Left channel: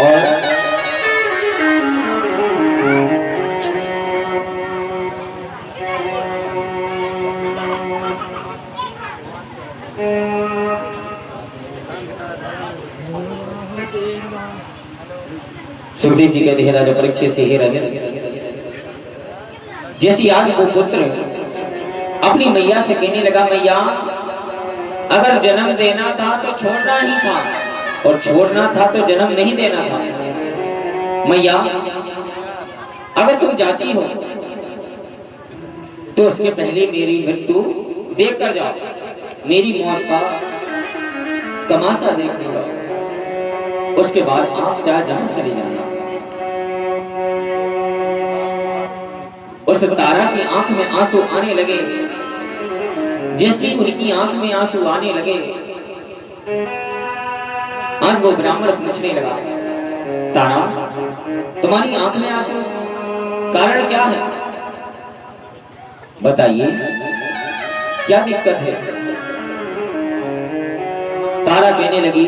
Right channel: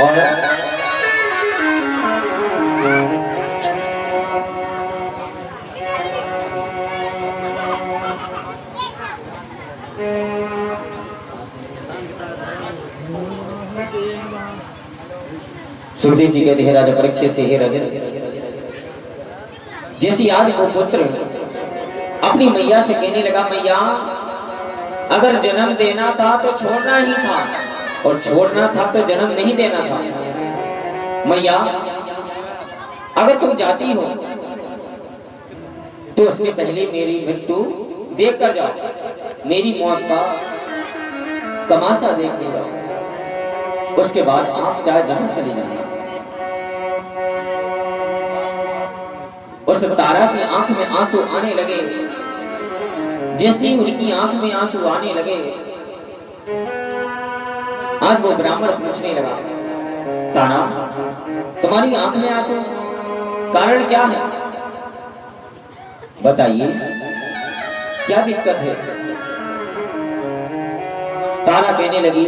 और सुखदेव जी कहते हैं राजा परीक्षित से, हे राजन, जैसी आज वो पुत्र अपनी मैया से कहने लगा, मैया अगर जन्म देना था तो छोड़ना ही था, और छोड़ना था तो जन्म नहीं देना था। मैया अगर तुम जाती हो तो उसके पहले मेरी मृत्यु देख कर जाओ, मेरी मौत का तमाशा देखने जाओ, उसके बाद आप चाहे जहां चले जाना। उस तारा की आंख में आंसू आने लगे, जैसे उनकी आंख में आंसू आने लगे, आज वो ब्राह्मण पूछने लगा, तारा तुम्हारी आंख में आंसू, कारण क्या है, बताइए क्या दिक्कत है। तारा कहने लगी,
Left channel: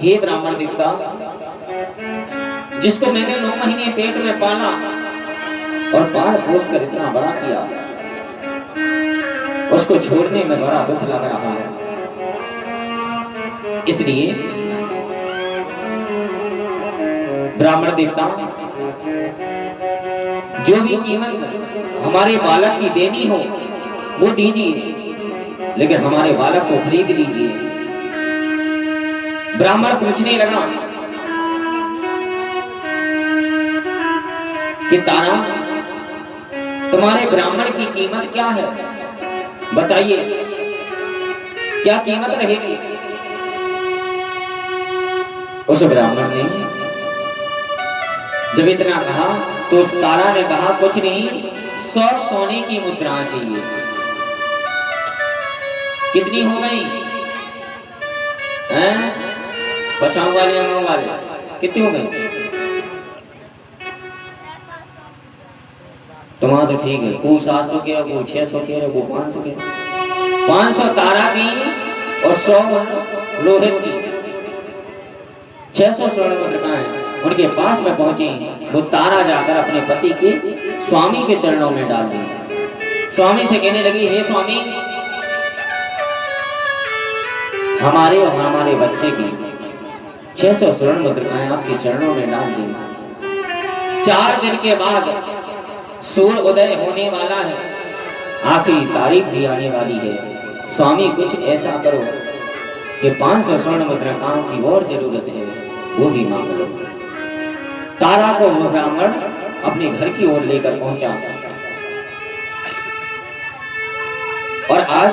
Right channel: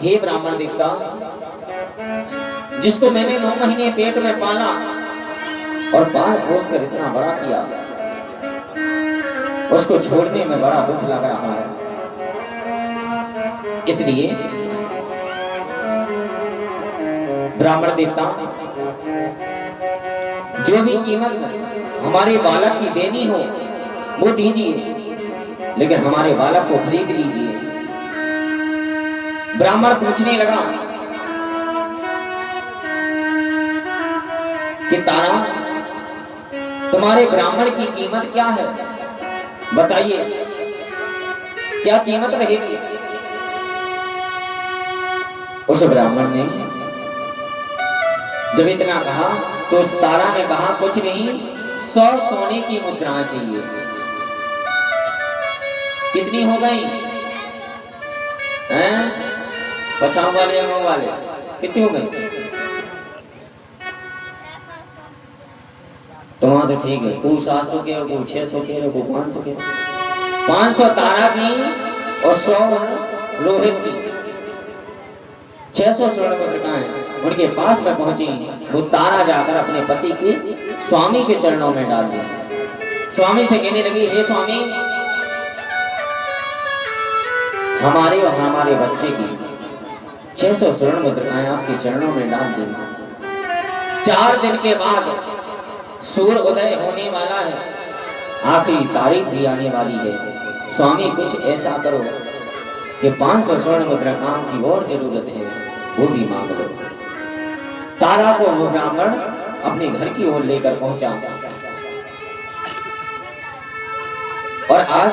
हे ब्राह्मण देवता, जिसको मैंने 9 महीने पेट में पाला और पाल पोस कर इतना बड़ा किया, उसको छोड़ने में बड़ा दुख लग रहा है। इसलिए ब्राह्मण देवता, जो भी कीमत हमारे बालक की देनी हो वो दीजिए, लेकिन हमारे बालक को खरीद लीजिए। ब्राह्मण पूछने लगा कि तारा तुम्हारे ब्राह्मण की कीमत क्या है, बताइए क्या कीमत रहेगी। उस ब्राह्मण ने जब इतना कहा तो उस तारा ने कहा, कुछ नहीं, 100 सोने की मुद्राएं चाहिए। कितनी हो गई हैं? 50 वाले 9 वाले कितनी हो गई? तुम्हारा तो ठीक है, को 700 के, को 600 के, को 500 के। 500 तारा की और 100 रोहित की, 600 स्वर्ण मुद्रिकाएं उनके पास में पहुंची। वो तारा जाकर अपने पति के स्वामी के चरणों में डाल दी। स्वामी से कहने लगी, हे स्वामी, हमारे और हमारे बच्चे की 600 स्वर्ण मुद्रिकाएं आपके चरणों में डाल दी। 4 दिन के बाद सूर्य उदय होने वाला है, आखिरी तारीख भी आने वाली है। स्वामी कुछ ऐसा करो कि 500 स्वर्ण मुद्रिकाओं की और जरूरत है, वो भी मांग लो। तारा को वो ब्राह्मण अपने घर की ओर लेकर पहुंचा और आज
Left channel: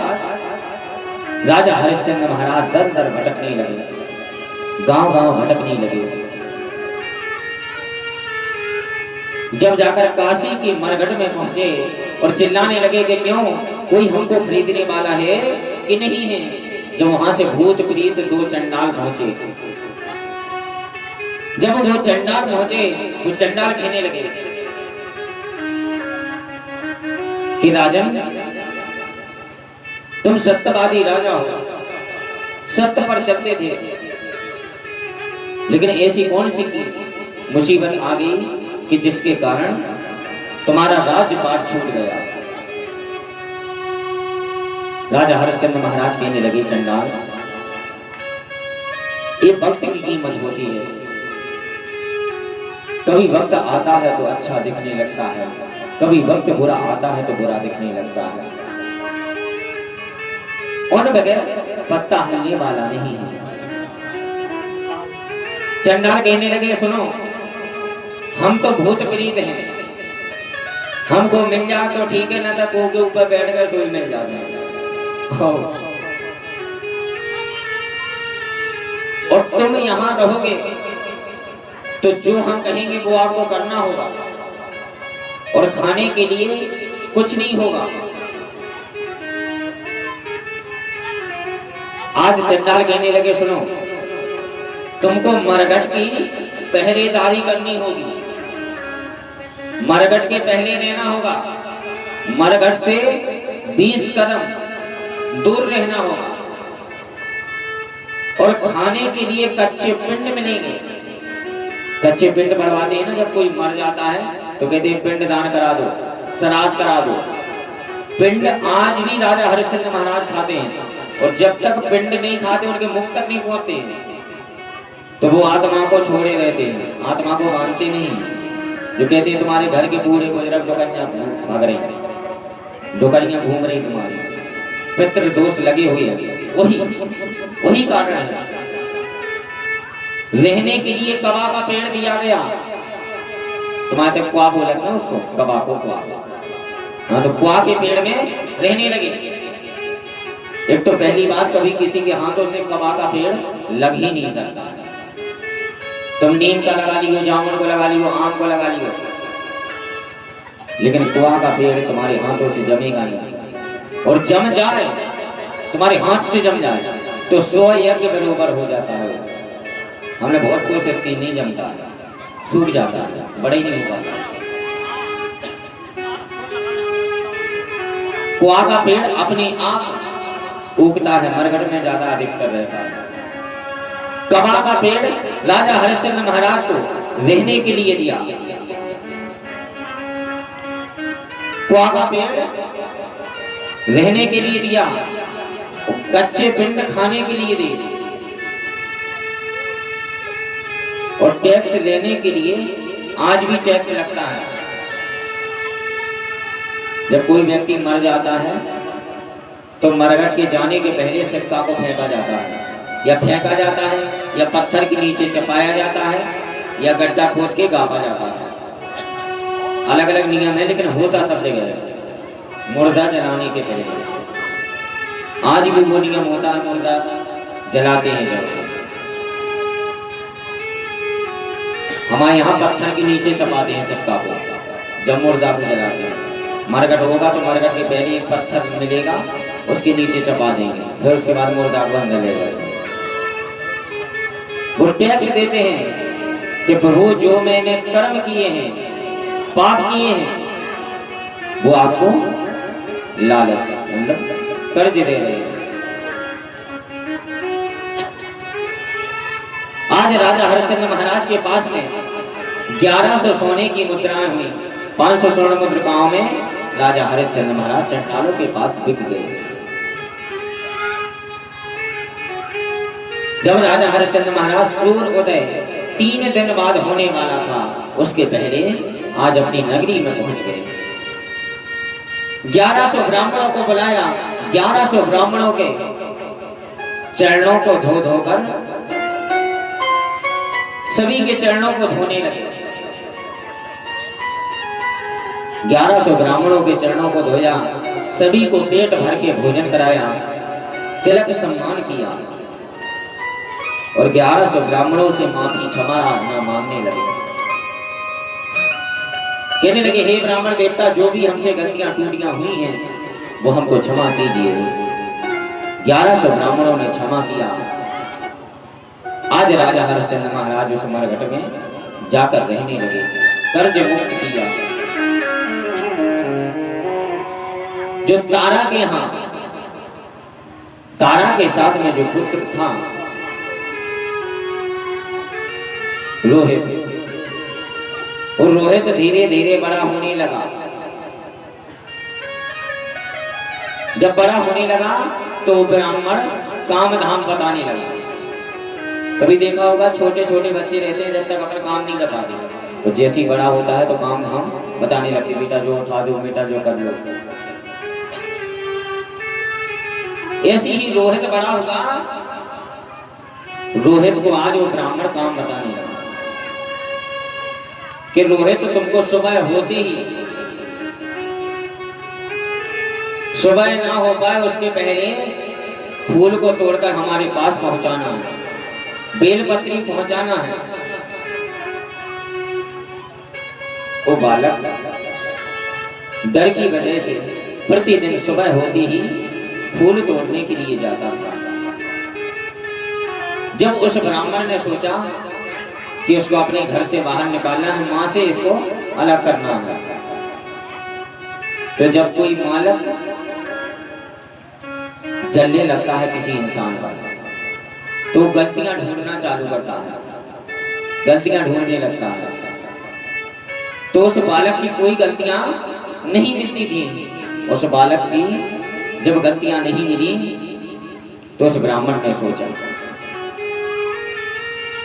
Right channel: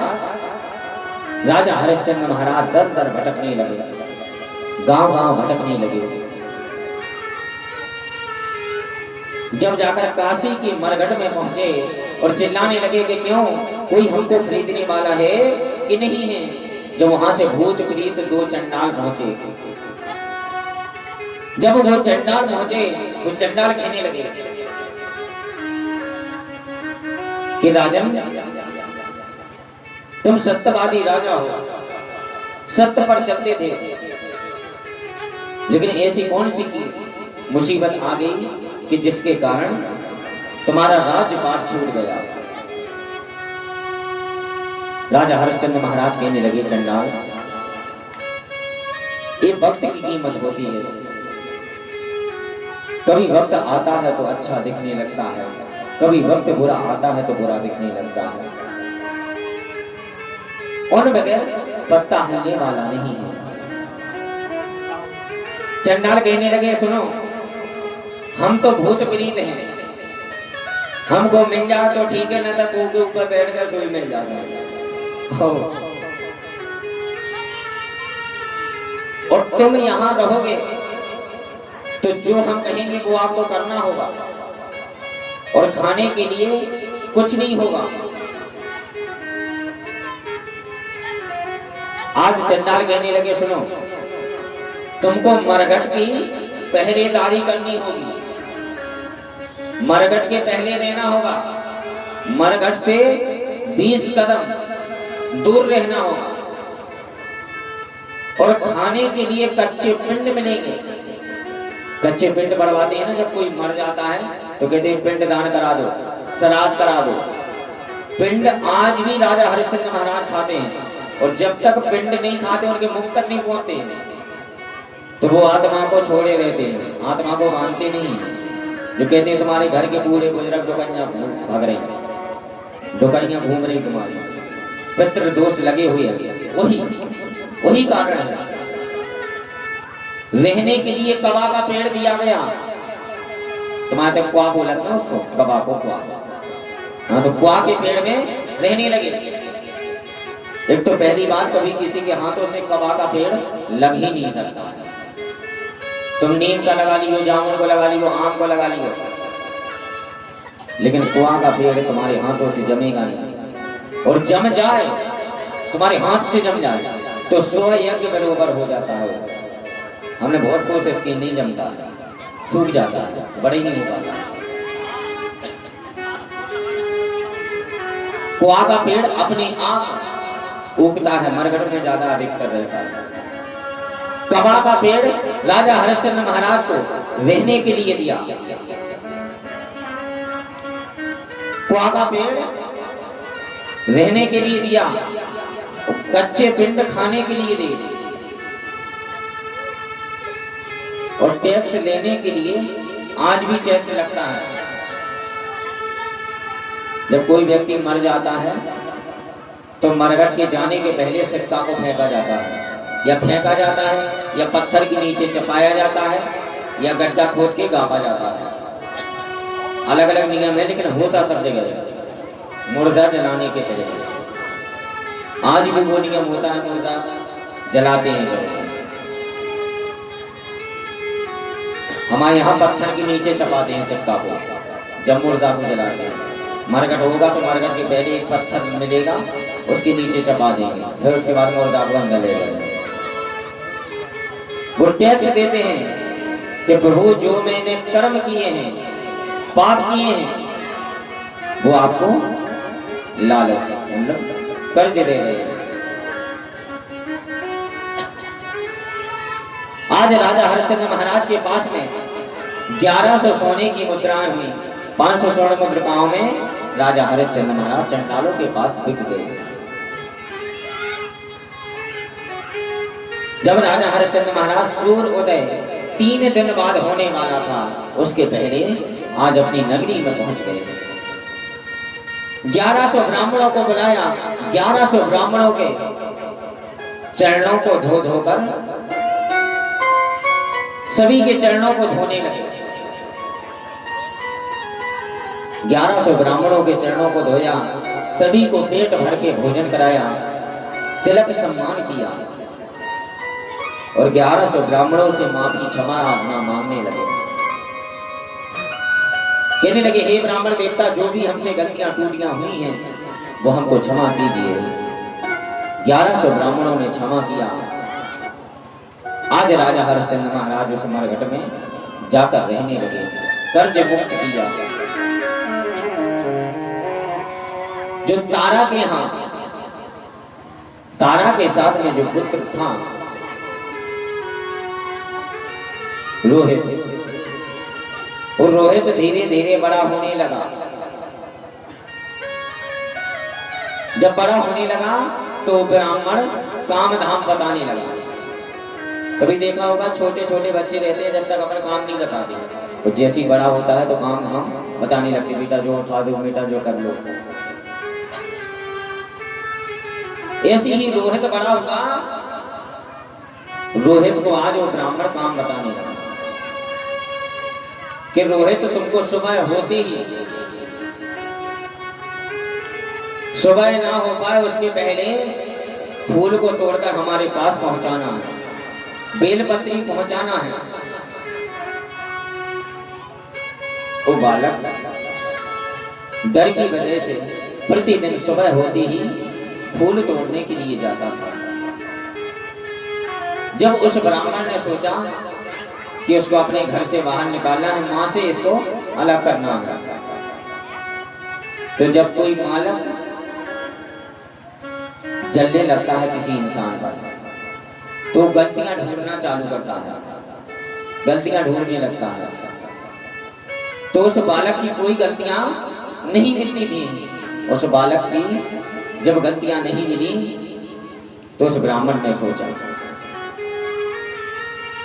राजा हरिश्चंद्र महाराज दर दर भटकने लगे, गांव गांव भटकने लगे। जब जाकर काशी की मरघट में पहुंचे और चिल्लाने लगे कि क्यों, कोई हमको खरीदने वाला है कि नहीं है। जब वहां से भूत प्रीत 2 चंडाल पहुंचे, जब वो चंडाल पहुंचे, वो चंडाल कहने लगे कि राजन, तुम सत्यवादी राजा हो, सत्य पर चलते थे, लेकिन ऐसी कौन सी मुसीबत आ गई कि जिसके कारण तुम्हारा राज्यपाट छूट गया। राजा हरिश्चंद्र महाराज कहने लगे, चंडाल, ये वक्त की कीमत होती है। कभी वक्त आता है तो अच्छा दिखने लगता है, कभी वक्त बुरा आता है तो बुरा दिखने लगता है। और बगैर पत्ता हिलने वाला नहीं है। चंडाल कहने लगे, सुनो, हम तो भूत प्रीत हैं, हमको मिल जाए तो ठीक है, ना तो को के ऊपर बैठ कर सोई मिल जाए। और तुम यहाँ रहोगे तो जो हम कहेंगे वो आपको करना होगा, और खाने के लिए कुछ नहीं होगा। आज चंडाल कहने लगे, सुनो, तुमको मरघट की पहरेदारी करनी होगी, मरघट के पहले रहना होगा, मरघट से 20 कदम दूर रहना होगा, और खाने के लिए कच्चे पिंड मिलेंगे, कच्चे पिंड बढ़वाते हैं ना, जब कोई मर जाता है तो कहते हैं पिंड दान करा दो, श्राद्ध करा दो। पिंड आज भी राजा हरिश्चंद्र महाराज खाते हैं, और जब तक पिंड नहीं खाते, उनके मुख तक नहीं पहुंचते, तो वो आत्मा को छोड़े रहते हैं, आत्मा को मानते नहीं। जो कहते हैं तुम्हारे घर के बूढ़े बुजुर्ग डोकरियां भाग रही, डोकरियां घूम रही, तुम्हारी पितृ दोष लगे हुए हैं, वही कारण है। रहने के लिए कबा का पेड़ दिया गया, तुम्हारे तक क्वा बोलते हैं उसको, कबा को क्वा। हाँ, तो क्वा के पेड़ में रहने लगे। एक तो पहली बात, कभी किसी के हाथों से कबा का पेड़ लग ही नहीं सकता। तुम नीम का लगा लियो, जामुन को लगा लियो, आम को लगा लियो, लेकिन कुआं का पेड़ तुम्हारे हाथों से जमेगा नहीं। और जम जाए, तुम्हारे हाथ से जम जाए, तो 100 यज्ञ बराबर हो जाता है। हमने बहुत कोशिश की, नहीं जमता, सूख जाता है, बड़ा ही नहीं हो पाता। कुआं का पेड़ अपने आप उगता है, मरघट में ज्यादा अधिकतर रहता है। कबा का पेड़ राजा हरिश्चंद्र महाराज को रहने के लिए दिया, कुआं का पेड़ रहने के लिए दिया, कच्चे पिंड खाने के लिए दिए, और टैक्स लेने के लिए आज भी टैक्स लगता है। जब कोई व्यक्ति मर जाता है तो मरघट के जाने के पहले सिक्का को फेंका जाता है, या फेंका जाता है, या पत्थर के नीचे चपाया जाता है, या गड्ढा खोद के गापा जाता है। अलग अलग नियम है, लेकिन होता सब जगह है। मुर्दा जलाने के पहले आज भी वो नियम होता है, मुर्दा जलाते हैं। जब हमारे यहाँ पत्थर के नीचे चपाते हैं सिक्का को, जब मुर्दा को जलाते हैं। मरघट होगा तो मरघट के पहले एक पत्थर मिलेगा, उसके नीचे चपा देंगे, फिर उसके बाद मुर्दा को अंदर ले जाएंगे। वो टैक्स देते हैं कि प्रभु जो मैंने कर्म किए हैं, पाप किए हैं, वो आपको लालच मतलब कर्ज दे रहे हैं। आज राजा हरिश्चंद्र महाराज के पास में 1100 सोने की मुद्राएं हुई। 500 स्वर्ण मुद्रिकाओं में राजा हरिश्चंद्र महाराज चंडालों के पास बिक गए। जब राजा हरिश्चंद्र महाराज सूर्य उदय 3 दिन बाद होने वाला था, उसके पहले आज अपनी नगरी में पहुंच गए। 1100 ब्राह्मणों को बुलाया, 1100 ब्राह्मणों के चरणों को धो धोकर सभी के चरणों को धोने लगे। 1100 ब्राह्मणों के चरणों को धोया, सभी को पेट भर के भोजन कराया, तिलक सम्मान किया, और 1100 ब्राह्मणों से माफी क्षमा मांगने लगे। कहने लगे, हे ब्राह्मण देवता, जो भी हमसे गलतियां टूटियां हुई हैं वो हमको क्षमा कीजिए। 1100 ब्राह्मणों ने क्षमा किया। आज राजा हरिश्चंद्र महाराज उस मरघट में जाकर रहने लगे, कर्ज मुक्त किया। जो तारा के यहाँ, तारा के साथ में जो पुत्र था रोहित, और रोहित धीरे धीरे बड़ा होने लगा। जब बड़ा होने लगा तो ब्राह्मण काम धाम बताने लगा। कभी देखा होगा, छोटे छोटे बच्चे रहते हैं, जब तक अपना काम नहीं बताते, तो जैसे ही बड़ा होता है तो काम धाम बताने लगते, बेटा जो उठा दो, बेटा जो कर लो। ऐसी ही रोहित बड़ा हुआ। रोहित को आज वो ब्राह्मण काम बताने लगा कि रोहित, तुमको सुबह होते ही, सुबह ना हो पाए उसके पहले फूल को तोड़कर हमारे पास पहुंचाना है, बेलपत्री पहुंचाना है। वो बालक डर की वजह से प्रतिदिन सुबह होते ही फूल तोड़ने के लिए जाता था। जब उस ब्राह्मण ने सोचा कि उसको अपने घर से बाहर निकालना है, मां से इसको अलग करना है, तो जब कोई बालक जलने लगता है किसी इंसान पर, तो गलतियां ढूंढना चालू करता है। गलतियां ढूंढने लगता है। तो उस बालक की कोई गलतियां नहीं मिलती थी। उस बालक की जब गलतियां नहीं मिली तो उस ब्राह्मण ने सोचा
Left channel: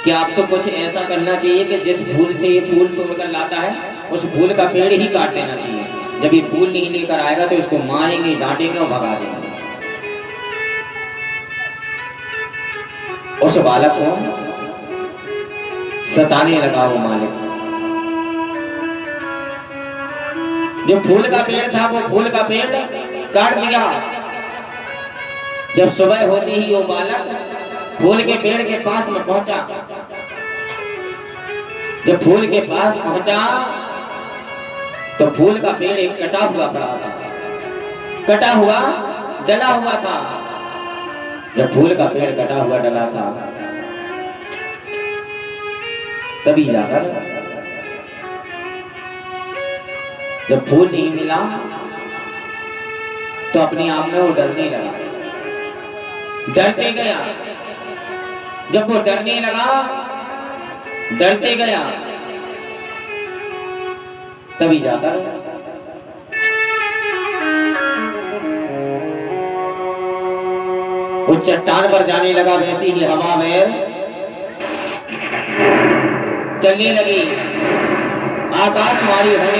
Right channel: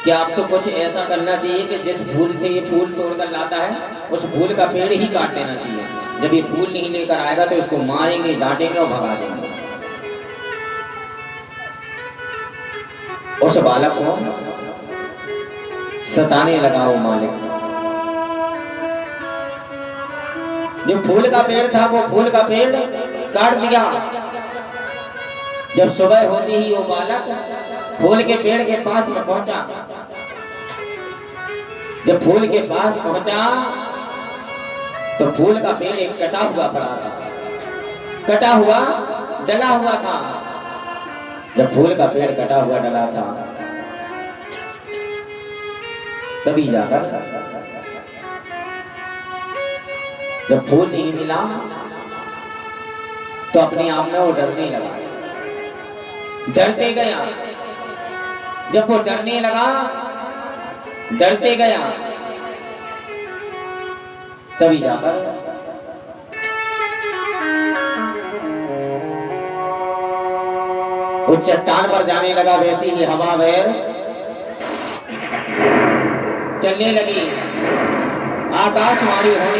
कि आप तो कुछ ऐसा करना चाहिए कि जिस फूल से ये फूल तोड़कर लाता है उस फूल का पेड़ ही काट देना चाहिए। जब ये फूल नहीं लेकर आएगा तो इसको मारेंगे, डांटेंगे और भगा देंगे। उस बालक को सताने लगा वो मालिक। जो फूल का पेड़ था वो फूल का पेड़ काट दिया। जब सुबह होती ही वो बालक फूल के पेड़ के पास में पहुंचा। जब फूल के पास पहुंचा तो फूल का पेड़ एक कटा हुआ पड़ा था, कटा हुआ डला हुआ था। जब फूल का पेड़ कटा हुआ डला था तभी जाकर जब फूल नहीं मिला तो अपने आप में वो डरने लगा, डरते गया। जब वो डरने लगा, डरते गया, तभी जाकर उस चट्टान पर जाने लगा। वैसे ही हवा में चलने लगी, आकाशवाणी होने